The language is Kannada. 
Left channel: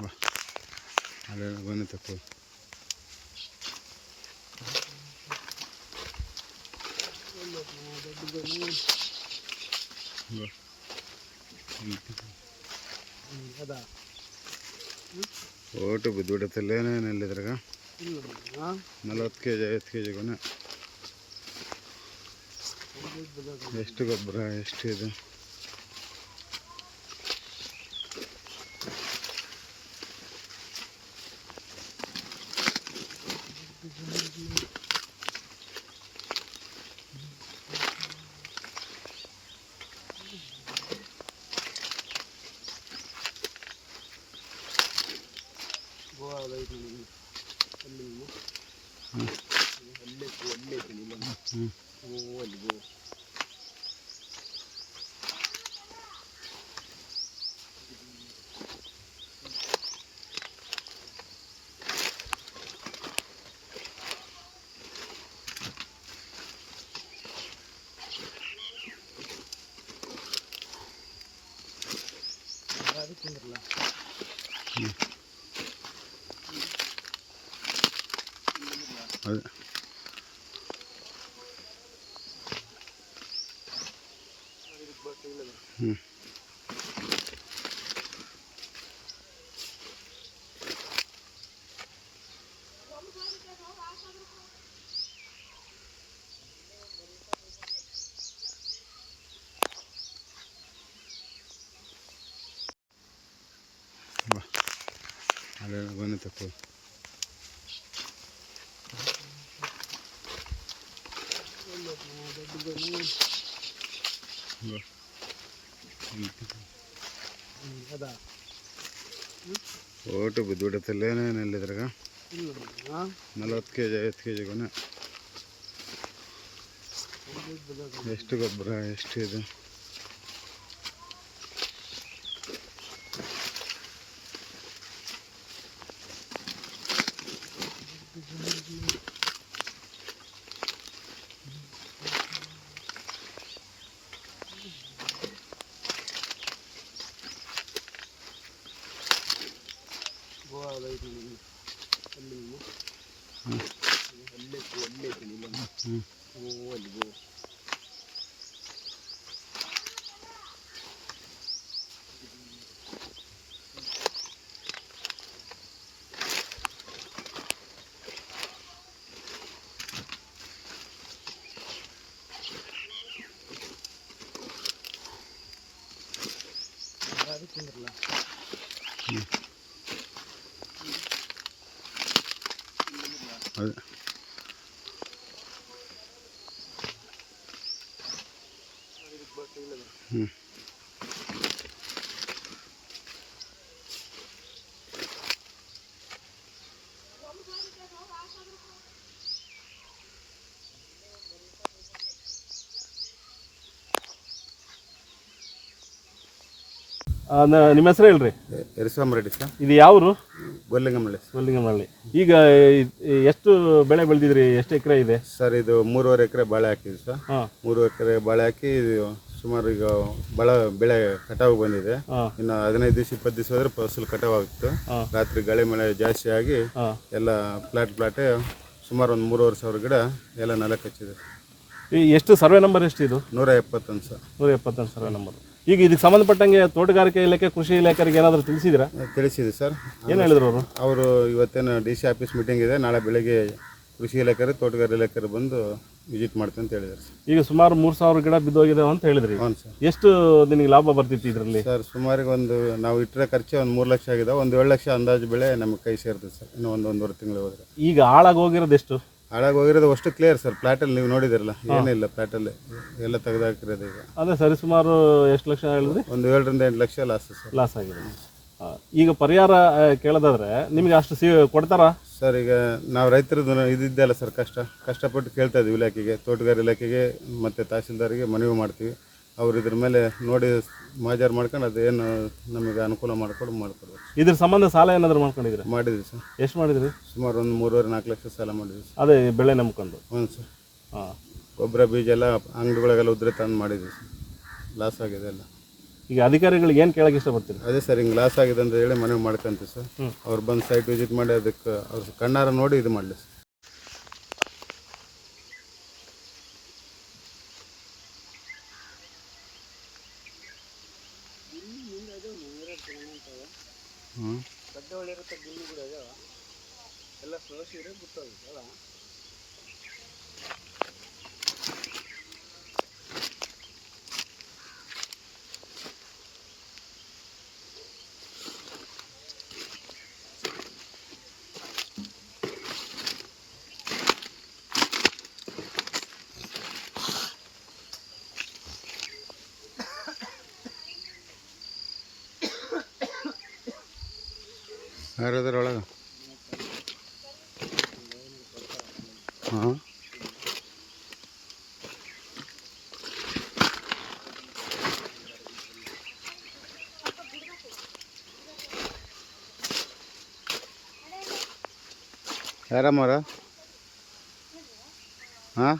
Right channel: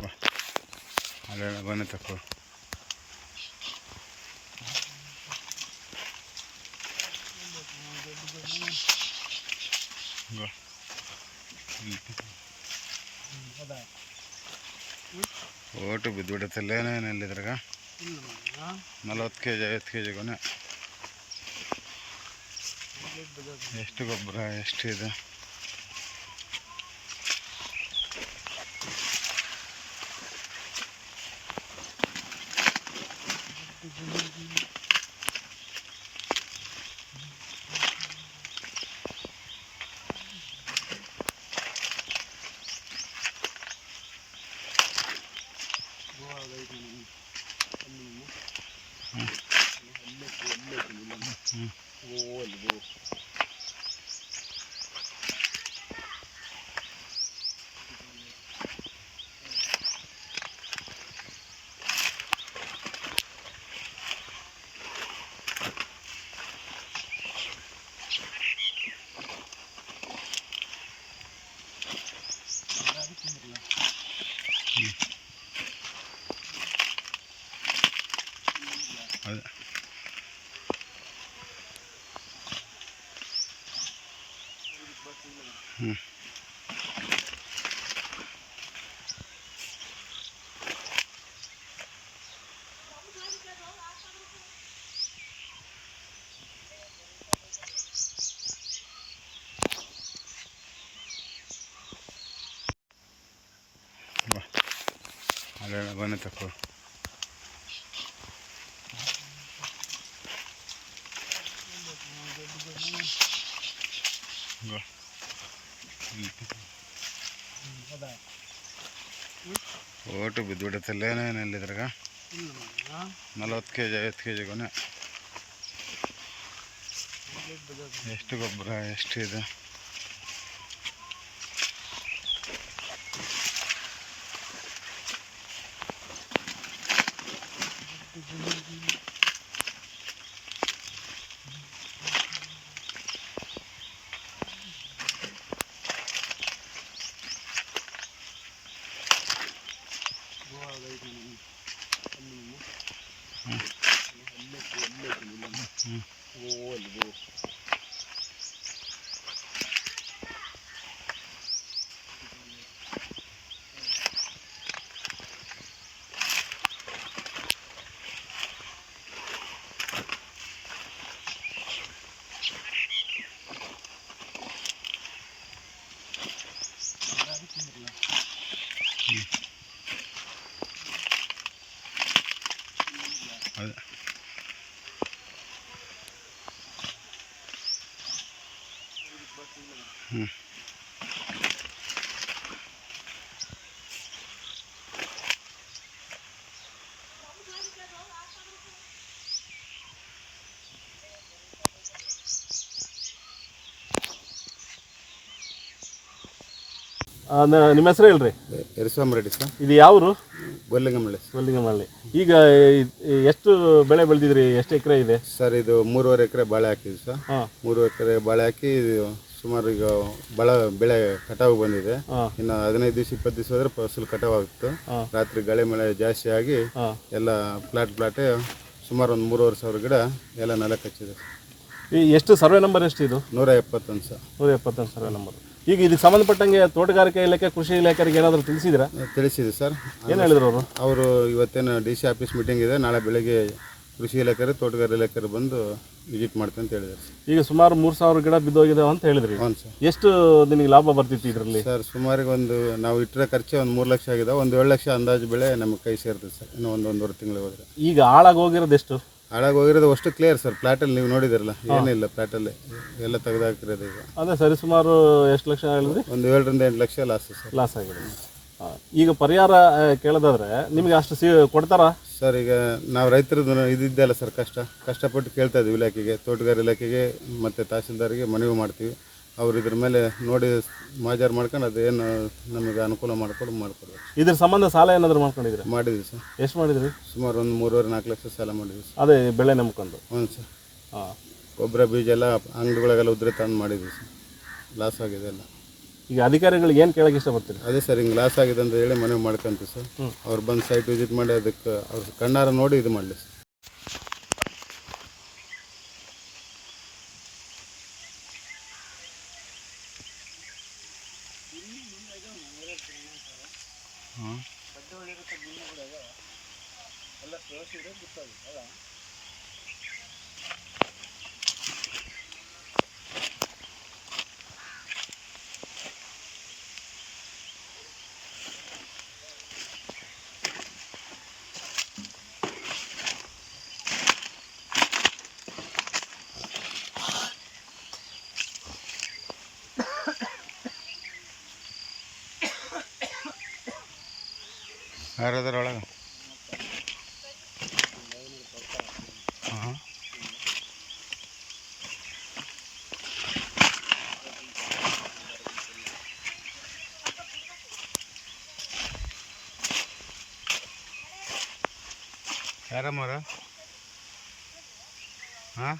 ಬಾ ಅಲ್ಲೇ ಬನ್ನಿ ಓಟು ಬಿದ್ದುಬಿಡತ್ತಲ್ಲೇನೇ ಇದ್ರಾಗ? ನಲವತ್ತು ಕೆ ಜಿ ಐವತ್ತು ಕೆ ಜಿ ಕೊನೆ. ಎಷ್ಟು ಗೊಬ್ಬರ, ಎಷ್ಟು ಇದೆ? ಅದು ಹ್ಞೂ ಬಾ ಅಲ್ಲೇ ಬನ್ನಿ ತಕ್ಕೋ ಬಾ ಓಟು ಬಿದ್ದುಬಿಡತ್ತಲ್ಲೇನೇನಿಲ್ಲ ಇದ್ರಾಗ? ನಲವತ್ತು ಕೆ ಜಿ ಐವತ್ತು ಕೆ ಜಿ ಕೊನೆ ಎಷ್ಟು ಗೊಬ್ಬರ ಎಷ್ಟು ಇದೆ? ಅದು ಹ್ಞೂ ನಿಮ್ಮ ಹೆಸರು ಹೇಳ್ರಿ? ರೆಡ್ಡಿ ಸರ್. ಇದು ಯಾವರು? ಗೊಲ್ಲಿಂಗಮಳ್ಳಿ ಗೊಲ್ಲಿಂಗಮಳ್ಳಿ ಈಗ ಎಷ್ಟು ಬೆಳೆ ಬೆಳೆದಿದ್ರಿ? ಎಷ್ಟು ಎಕರೆ ಇದೆ? ಸರ್ ಇದು ಮೂರುವರೆ ಎಕರೆ ಬಾಳೆ ಹಾಕಿದ್ವಿ ಸರ್. ಹಾಂ. ಮೂರು ಎಕರೆ ಬಾಳೆ ಹಾಕಿ ಇದು ಸುಮಾರು ಈಗ ಬಳ ಬೆಳೆ ಕಟಾವು ಬಂದಿದೆ. ಇನ್ನು ಹದಿನೈದು ದಿವಸ ಇಪ್ಪತ್ತು ದಿವಸ ಹೋದ್ರೆ ಫಸಲು ಕಟಾವು ಆಗುತ್ತೆ ರಾತ್ರಿ ಗಳೆ ಮಳೆ ಜಾಸ್ತಿ ಆಗಿ ಎಲ್ಲ ಪ್ಲಾಟ್ ಪ್ಲಾಟೇ ಸುಮಾರು ಒಂದು ಮೂರುವರೆ ಸಾವಿರ ಗಿಡ ಎಲ್ಲ ನೆಲಕ್ಕೆ ಹಚ್ಚಿದೆ. ಈ ಎಷ್ಟು ಸರ್ವೆ ನಂಬರ್ ಎಷ್ಟು ಇದು? ನೂರ ಎಪ್ಪತ್ತೊಂದು ಸರ್. ನೂರ ಎಪ್ಪತ್ತೊಂದು ಸರ್ವೆ ನಂಬರ್. ಈಗ ಇದಕ್ಕೆ ಸಂಬಂಧಪಟ್ಟಂಗೆ ತೋಟಗಾರಿಕೆ ಇಲಾಖೆ ಕೃಷಿ ಇಲಾಖೆಗೆ ಏನಾದರೂ ತಿಳಿಸಿದ್ರಾ? ತಿಳಿಸಿದೆ ಸರ್. ಏನು ಹೇಳಿದ್ರು ಅವರು? ಅವರು ಇವತ್ತೇನು ಡಿ ಸಿ ಆಫೀಸ್ ಮೀಟಿಂಗ್ ಇದೆ ನಾಳೆ ಬೆಳಗ್ಗೆ ಕೃಷಿ ಇಲಾಖೆ ತೋಟಗಾರಿಕೆ ಇಲಾಖೆ ಬಂದು ವಿಸಿಟ್ ಮಾಡ್ತೀನಿ ಅಂತ ಹೇಳಿದ್ರು. ಈಗ ಸುಮಾರು ಮೂರು ಸಾವಿರ ಗಿಡ ಬಿದ್ದೋಗಿದೆ ಅಂತ ಹೇಳಿದ್ರಿ. ಹ್ಞೂ ಸರ್. ಎಷ್ಟು ನಿಮಗೆ ಲಾಭ ಬರ್ತಿತ್ತು ಇದರಲ್ಲಿ? ಸರ್ ಸುಮಾರಿಗೆ ಒಂದು ನಾವು ಇಟ್ಟರೆ ಖರ್ಚು ಒಂದು ಮೂರು ಲಕ್ಷ ಆಗಿದೆ. ಒಂದು ಏಳು ಲಕ್ಷ ಅಂದಾಜು ಬೆಳೆ ನಮಗೆ ಕೈ ಸೇರ್ತದೆ ಸರ್. ಇನ್ನು ಒಂದು ಒಂದೂವರೆ ತಿಂಗಳು ಹೋದರೆ. ಈಗ ಹಾಳಾಗಿ ಹೋಗಿರೋದು ಎಷ್ಟು? ಹಾಳಾಗಿ ಹೋಗಿರೋದು ಅಷ್ಟು ಕ್ಲಿಯರ್ ಸರ್. ಪ್ಲಾಟಲ್ಲಿ ನೀವು ನೋಡಿದಿರಲ್ಲ ಏನಿಲ್ಲ ಪ್ಲಾಟಲ್ಲಿ. ಎಲ್ಲ ತೆಗೆದಾಕಿರೋದು ಈಗ. ಅದೇ ಸರಿ ಸುಮಾರು ಎಷ್ಟು ಲಕ್ಷ ಹೇಳಿದ್ರಿ? ಒಂದು ಏಳರಿಂದ ಎಂಟು ಲಕ್ಷ ಲಾಸ್ ಸರ್. ಲಾಸ್ ಆಗಿದೆ. ಈಗ ಪರಿಹಾರ ಕೇಳೋದಾದ್ರೆ ನಿಮಗೆ ಅಷ್ಟು ಸಿ ಕೊಡ್ತಾರಾ? ಸರ್ ಈಗ ನಾವು ರೈತರದ್ದು ಇದಿದ್ದೆಲ್ಲ ಸರ್ ಕಷ್ಟ. ಕಷ್ಟಪಟ್ಟು ಕೇಳ್ತಾ ಇದ್ದೀವಿ ಇಲಾಖೆಗೆ ತೋಟಗಾರ ಇಲಾಖೆಗೆ ಮತ್ತು ತಹಸೀಲ್ದಾರಿಗೆ ಮನವಿ ಮಾಡ್ತೀವಿ. ಅವ್ರು ಇದ್ರ ಮೇಲೆ ನೋಡಿ ಮಾಜಾರು ಮಾಡ್ಕೊಂಡು ಅದೇನು ನಮಗೆ ಅನುಕೂಲ ಮಾಡ್ಕೊಂಡು ಮಾಡಿಕೊಡ್ಬೇಕು. ಇದ್ರ ಸಂಬಂಧ ಸಾಲ ಏನಾದರೂ ಮಾಡ್ಕೊಂಡಿದ್ರೆ ಮಾಡಿದ್ವಿ ಸರ್. ಎಷ್ಟು ಮಾಡಿದ್ರಿ? ಸುಮಾರು ಒಂದು ಮೂರುವರೆ ನಾಲ್ಕು ಲಕ್ಷ ಸಾಲ ಮಾಡಿದ್ವಿ ಸರ್. ಅದೇ ಬೆಳೆ ನಂಬ್ಕೊಂಡು? ಹ್ಞೂ ಸರ್. ಹಾಂ. ಗೊಬ್ಬರ ಬೀಜ ಎಲ್ಲ ಅಂಗಡಿಗಳಿಗೆಲ್ಲ ಉದ್ರೆ ತಂದು ಮಾಡಿದ್ವಿ ಸರ್. ಲಾಸ್ ಆಗಿದೆ ಎಲ್ಲ. ಈಗ ಅಧಿಕಾರಿಗಳಿಗೆ ಏನು ಕೇಳಕ್ಕೆ ಇಷ್ಟಪಡ್ತೀರಿ? ಅದೇ ಸರ್ ಹಿಂಗೆ ಲಾಸ್ ಆಗಿದೆ ಅಂತ ಹೇಳಿ ಮನವಿ ಮಾಡ್ಕೊಂತೀವಿ ಸರ್. ಅವ್ರು ಬಂದು ಸೈಟ್ ವಿಸಿಟ್ ಮಾಡಿ ಅದಕ್ಕೆ ಅವ್ರ ಕಣ್ಣಾರ ನೋಡಿ ಇದು ಮಾಡಲಿ ಸರ್. ಹಾಂ ಯಾರದಾರ ಒಳಗೆ ಹಾಂ ಯಾರಮ್ಮರ ಹಾಂ